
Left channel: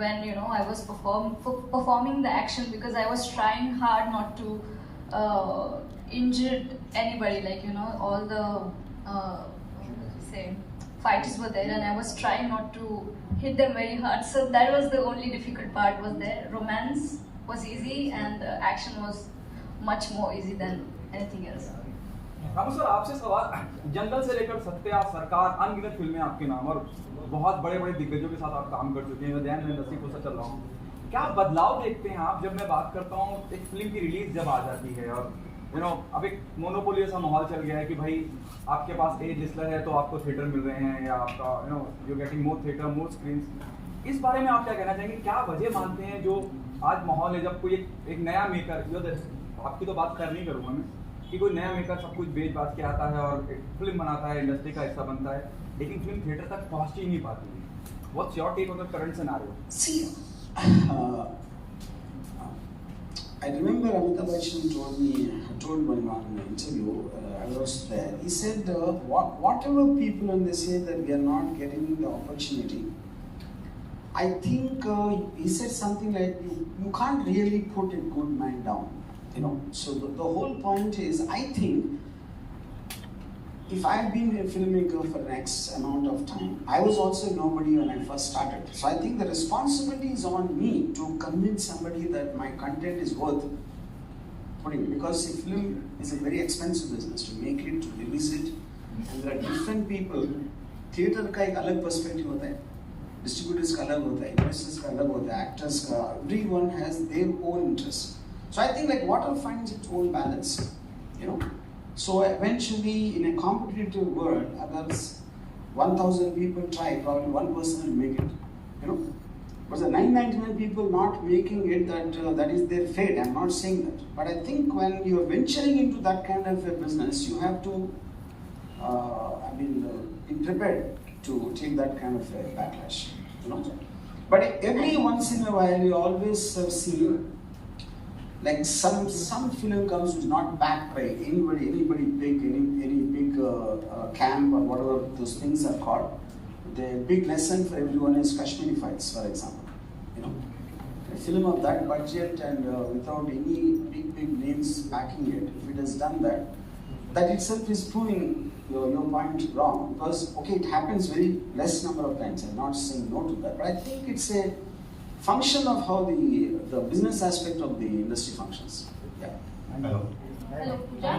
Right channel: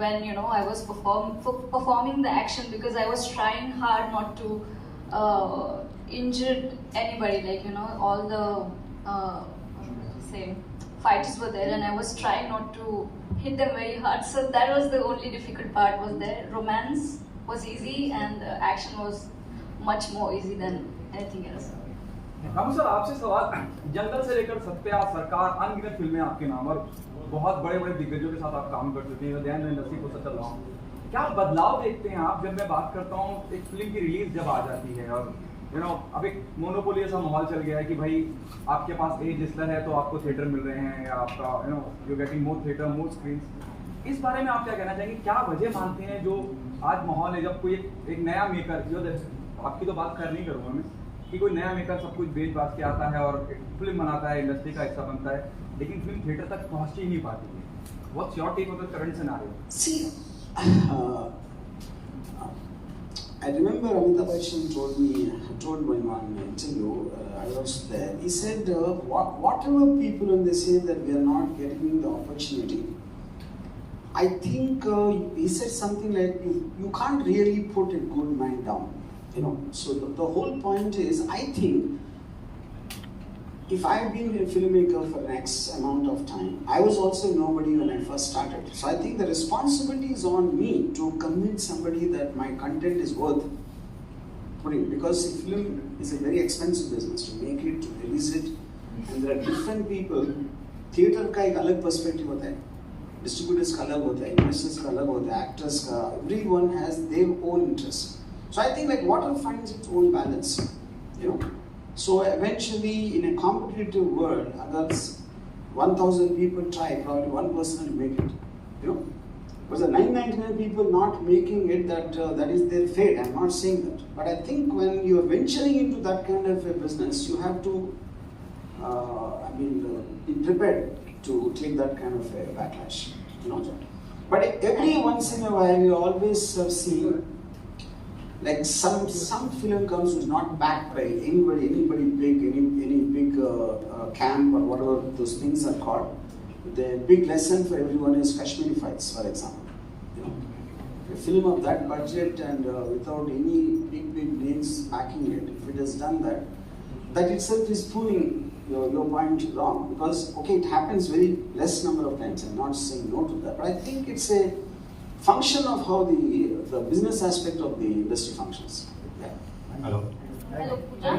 when I was performing the action, because I was trying hard not to injure anybody. Like all the fighters were there, and I was trying not to hit them very hard. So that was the only difficult part. Was there romance was easy, and action was much more easy than anything else. Ramu sir, आपसे सवाल, जंगल से लेकर सत्या, सरकार, अनगिनत फिल्में आपके नाम और बहुत बड़े बड़े दिग्गजों के साथ आप काम कर चुके हैं, ध्यान इंडस्ट्री को चल रहा हूँ, क्या बदलाव देखते हैं आप जब मैं बात करता हूँ एक फिल्म की रिलीज जब आ जाती है और अब एक मोनोपोली सा माहौल चल गया है कि भाई आपके पास ए जिसलर है तो आपको थिएटर मिल रहे हैं, या आपका you getting more theatre, more screen. इस बारे में आप क्या कहना चाहेंगे? क्या वजह मानते हैं जो आज माहौल है, जब कोई एक नया मेकर, जो आपकी तो बात खैर नहीं करूँगा मैं, कि कोई नया मेकर सब कुछ बेच बाज के आता है और एक फिल्म बनाता है, इंडस्ट्री का हिस्सा बनता है, लेकिन फिल्म थिएटर तक पहुंच ही नहीं पाती है. What's your take on the current scenario? See, I remember Amitabh Bachchan told one in an interview, I was there, he said, whatever people when they say that we are not getting the opportunity, I think he said something like, you can't really put a good man down. So the whole point is, I think if I had been a filmmaker for the next amount of time, I was also nobody when I first started. So I think the responsibility is on me to convince somebody that my content is worth putting, because film is a very expensive business to make it, to release it, and there are different people. Theater का एक अलग perspective होता है, distributors का अलग होता है, investors का अलग होता है, actors का, everyone has their own interest. So I think like water finds its own balance, So eventually, in a competitive world, agar 1,000 people try, probably one person will make it, But the 999 people not making it, that is their fate. I'm not saying that, but I think when you are venturing into that kind of a business, you have to, be prepared to take that kind of a backlash, But every once in a while, you always see. Like some film comes which is not backed by anybody big, any big camp or whatever those things are called. The big lesson for everyone is Kashmiri fights, for example. A film of that budget and without any big names backing it, if it has done that itself is proving your point wrong. Because it happens very less number of times. I'm not saying no to that, but I think it's a function of how the business aspect of the industry functions. Yeah. Hello. Hello, Pooja.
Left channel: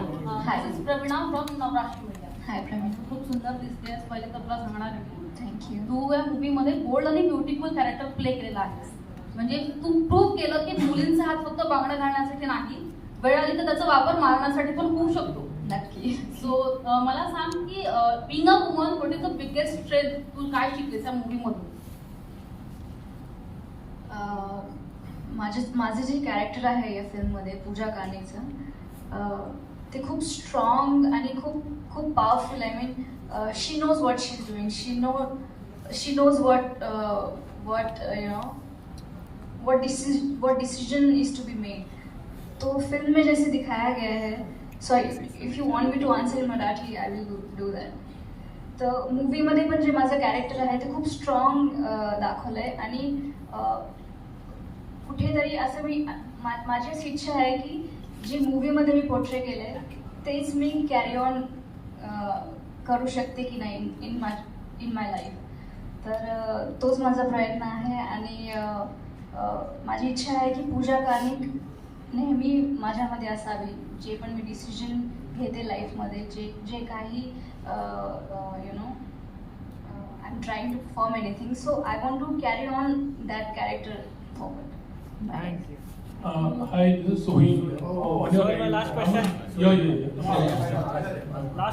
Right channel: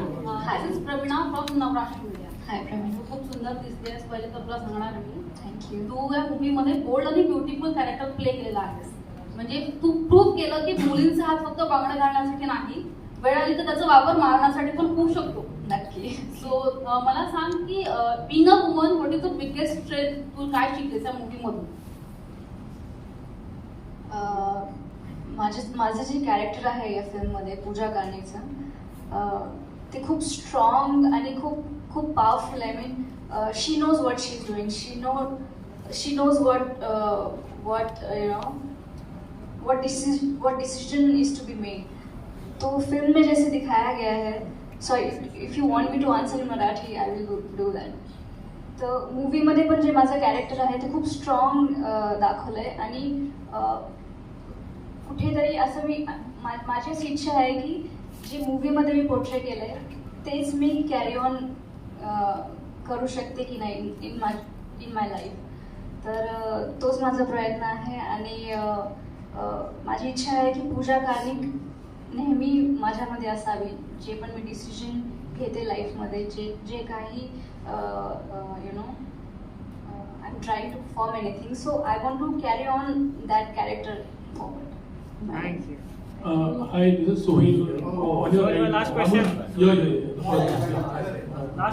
This is Pravina from Navratri Media. Hi, Pravina. खूप सुंदर दिसतेस. पहिले तर तुला सांगणार आहे. Thank you. तू या मूवीमध्ये bold आणि ब्युटिफुल कॅरेक्टर प्ले केलेला आहेस. म्हणजे तू प्रूव्ह केलं की मुलींचा हात फक्त बांगड्या घालण्यासाठी नाही, वेळ आली तर त्याचा वापर मारण्यासाठी पण होऊ शकतो. नक्की. सो मला सांग की being a woman, what is the biggest strength तू काय शिकलेस या मूवीमधून? माझं जे कॅरेक्टर आहे या फिल्ममध्ये, पूजा कानेचं, ते खूप स्ट्रॉंग आणि खूप powerful. I mean she knows what she is doing, she knows what decision is to be made. तो फिल्म में जैसे दिखाया गया है. So if you want me to answer in Marathi, I will do that. तर मूवीमध्ये पण जे माझं character आहे ते खूप स्ट्रॉंग दाखवलं आहे आणि कुठेतरी असं माझी अशी इच्छा आहे की जे मूवीमध्ये मी पोर्ट्रे केलं आहे तेच मी कॅरी ऑन करू शकते की नाही इन माय लाईफ. तर तोच माझा प्रयत्न आहे आणि माझी इच्छा आहे की पूजा कार्णिक नेहमी माझ्यामध्ये असावी. जे पण मी डिसिजन घेते लाईफमध्ये, जे काही you know I am trying to perform anything, so I want to carry on that character forward. Hi, this is Sohail. On your right. Last question.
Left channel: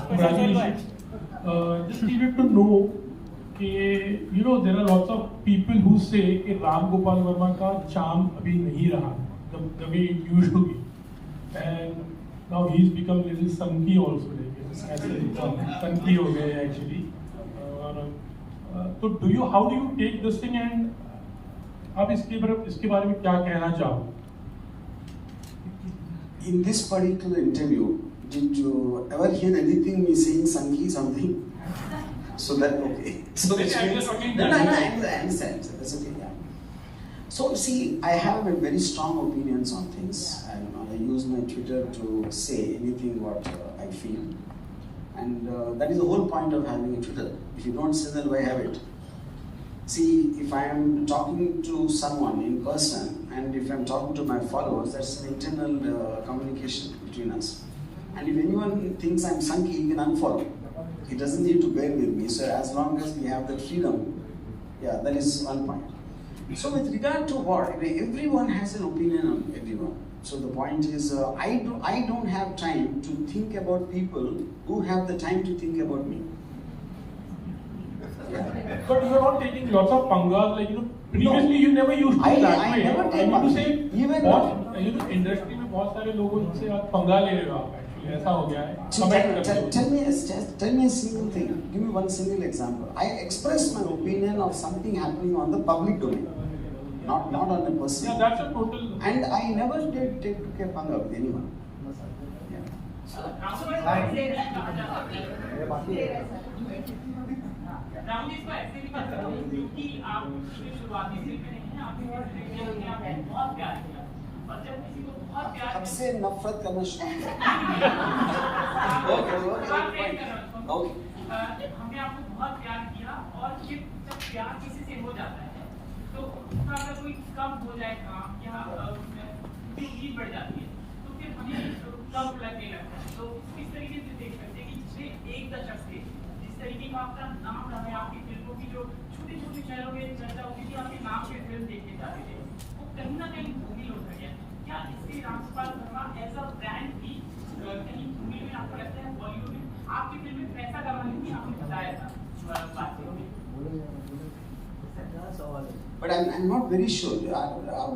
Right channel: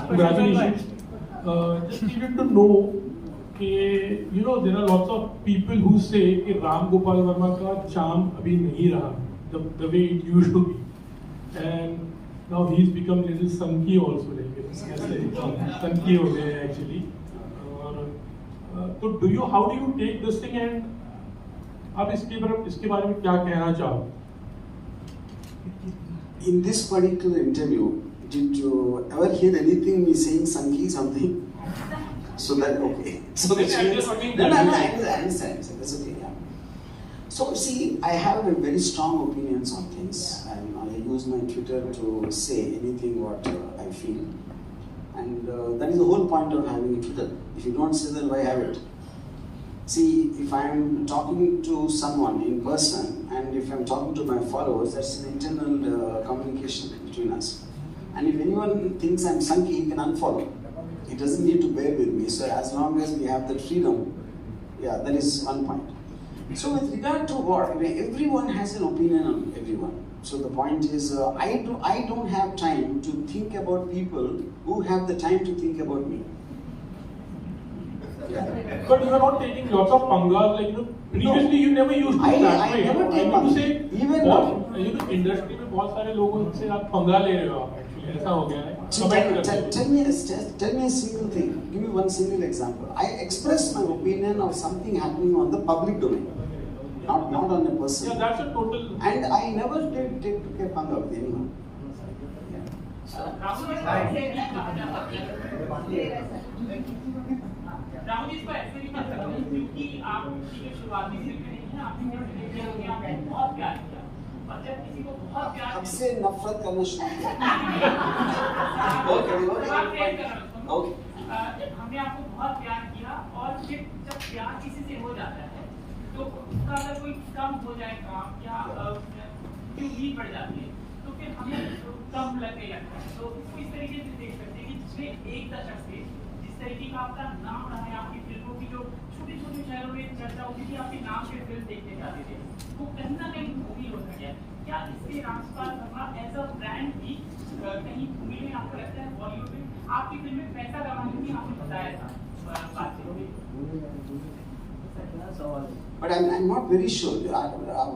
Congratulations. Just needed to know that there are lots of people who say कि Ramgopal Varma का charm अभी नहीं रहा the way it used to be, and now he's become little sunky also, like sunky हो गए actually. So how do you take this thing and आप इसके बारे में क्या कहना चाहो? In this particular interview, did you ever hear anything me saying Sanki something? So that okay. So which means no, I understand. So that's okay. Yeah. So see, I have a very strong opinions on things, and I use my Twitter to say anything what I feel, and that is the whole point of having a Twitter. If you don't say, then why have it? See, if I am talking to someone in person and if I am talking to my followers, that's an internal communication between us. And if anyone thinks I am Sanki, he can unfollow. He doesn't need to bear with me. So as long as we have that freedom, yeah, that is one point. So with regard to what, everyone has an opinion on everyone. So the point is, I don't have time to think about people who have the time to think about me. Yeah. But you are not taking lots of pangas, like previously you never used to that way. I never take to say even industry में बहुत सारे लोगों से आप पंगा ले रहे हो आप actually ऐसा हो गया है. Tell me a single thing. Give me one single example. I express my opinion of something happening on the public domain, not on a person. Yeah, that's a total. And I never did take a panga with anyone. Rahul ji इसको ऐसे भी कर सकते हैं क्योंकि आपकी शुरुआती film नहीं है, आपकी फिल्म में आपने बहुत प्यार किया और जब किसी को बहुत प्यार हमसे नफरत करना शुरू किया। हमने आपको बहुत प्यार किया और फिर जब प्यार किसी से हो जाता है तो उसका अगर कोई कम हो जाए काम या उम्मीद बढ़ जाती है तो फिर हमें कम लगने लगता है। तो इसको इस तरीके से देख सकते हैं कि पिछले एक दशक से तरीके का आपका नाम रहा है, आपकी फिल्मों की जो छोटे छोटे शहरों में चर्चा होती थी, आपके नाम से फिल्म देखने जाते थे, वो कहीं ना कहीं भूमिल होता गया। क्या इससे Ramgopal Varma as a brand भी कहीं भूमिल में आपको लगता है? बॉलीवुड में आपकी फिल्म में पैसा कमाने की आपने बताया था बातचीत में। But I'm not very sure.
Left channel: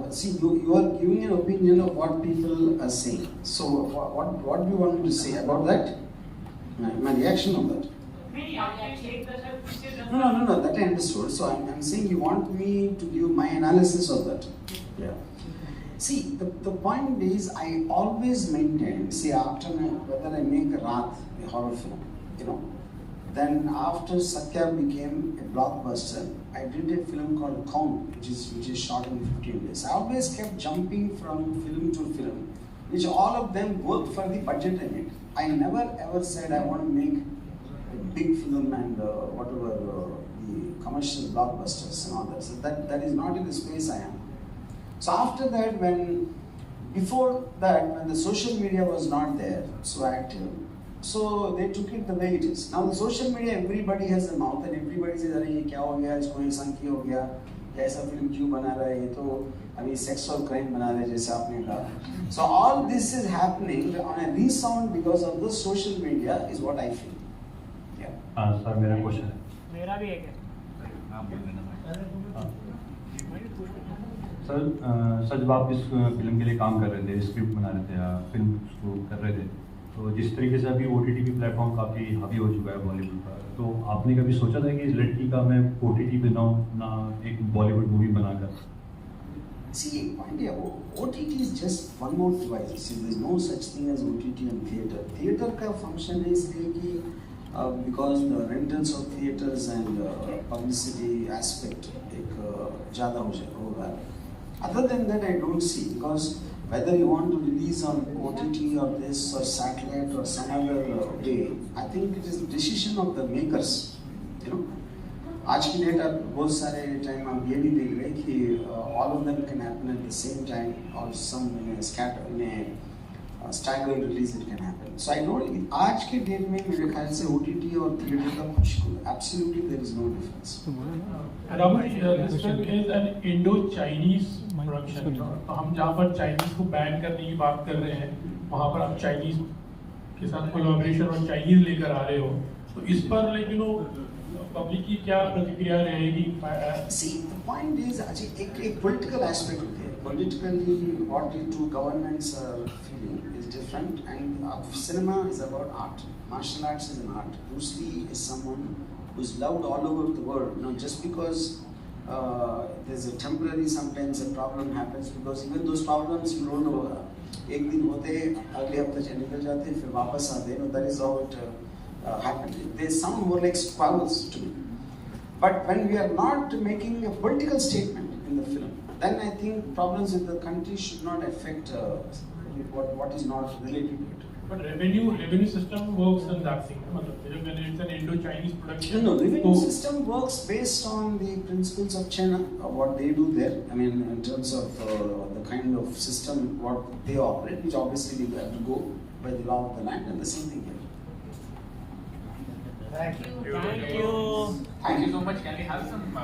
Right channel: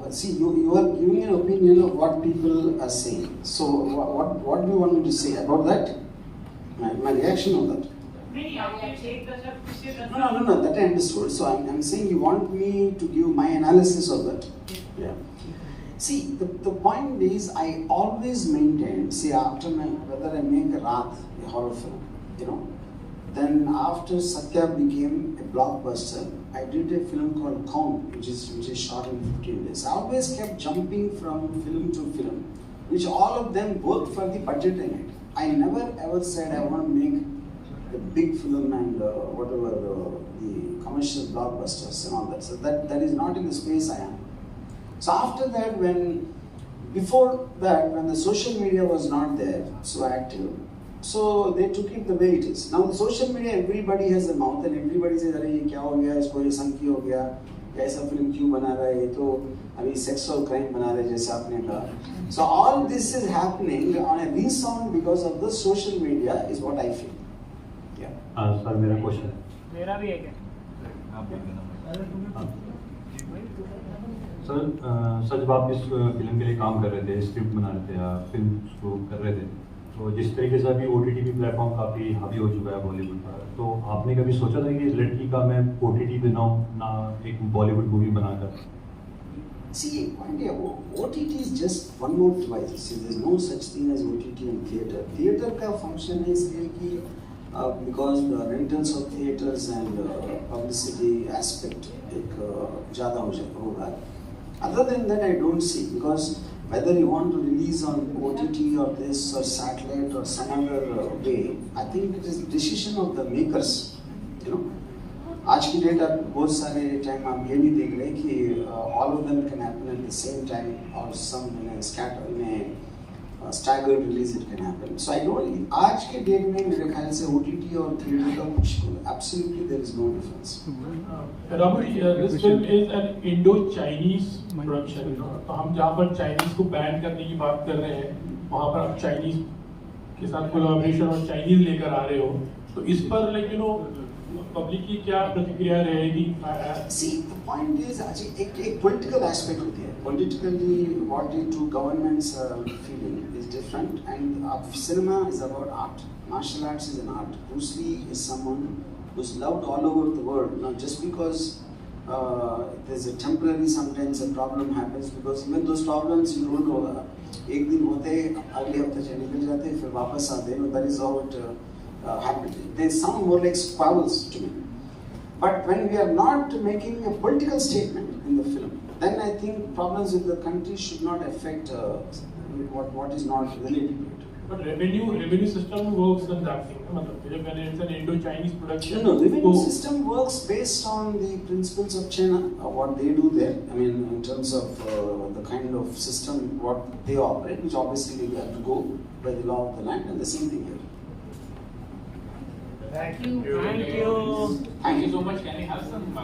See, you are giving an opinion of what people are saying. So what do you want me to say about that? My reaction on that. No, that I understood. So I'm saying you want me to give my analysis of that. Yeah. See, the point is, I always maintain, see, after whether I make a horror film, then after Satya became a blockbuster, I did a film called Kaun, which is shot in 15 days. I always kept jumping from film to film, which all of them worked for the budget in it. I never ever said I want to make a big film and whatever the commercial blockbusters and all that. So that is not in the space I am. So after that, before that, when the social media was not there so active, so they took it the way it is. Now the social media, everybody has a mouth and everybody says, "Arey, kya ho gaya? Isko ye sanki ho gaya? ऐसा film क्यों बना रहा है? ये तो अभी sexual crime बना रहे जैसे आपने कहा." So all this is happening on a resound because of the social media is what I feel. Yeah. Sir मेरा क्वेश्चन है. मेरा भी है सर जब आप इस फिल्म के लिए काम कर रहे थे, स्क्रिप्ट बना रहे थे या फिल्म को कर रहे थे, तो जिस तरीके से अभी OTT प्लेटफॉर्म काफ़ी हावी हो चुका है बॉलीवुड का, तो आपने कभी सोचा था कि लड़की का मैं OTT बनाऊँ ना एक बॉलीवुड मूवी बनाकर? See, OTT is just one more device. See, there is no such thing as OTT and theatre. Theatre का function है इसलिए कि because the rentals of theaters and publicity aspect एक ज़्यादा होगा. Other than that, I don't see, because whether you want to release on OTT or this or satellite or some other way, I think it is the decision of the makers. You know, आज की date आप बहुत सारे time आप ये भी देख रहे हैं कि all of them can happen at the same time, or some in a staggered release it can happen. So I don't. आज के डेट में मेरे ख्याल से OTT और theater का कुछ absolutely there is no difference. Ramu, this film is an Indo-Chinese production. तो हम जहाँ पर Chinese को बैन करने की बात कर रहे हैं, वहाँ पर आप Chinese के साथ कोलैबोरेशन और Chinese लेकर आ रहे हो, तो इस पर पब्लिक की क्या प्रतिक्रिया रहेगी? See, the point is एक political aspect होती है. Politically, what the two governments are feeling is different, and cinema is about art. Martial arts is an art. Bruce Lee is someone who's loved all over the world. Now, just because there's a temporary, sometimes a problem happens, because even those problems you don't know. एक दिन होते अगले हफ्ते से निकल जाते फिर वापस आते. That is how it happened. They sound more like squabbles to me. But when we are not making a political statement in the film, then I think problems with the country should not affect what is not related to it. But revenue system works in that thing. When it's an Indo-Chinese production. No, revenue system works based on the principles of China, what they do there. I mean, in terms of the kind of system what they operate, which obviously we have to go by the law of the land, and the same thing here. Thank you so much. Can we have some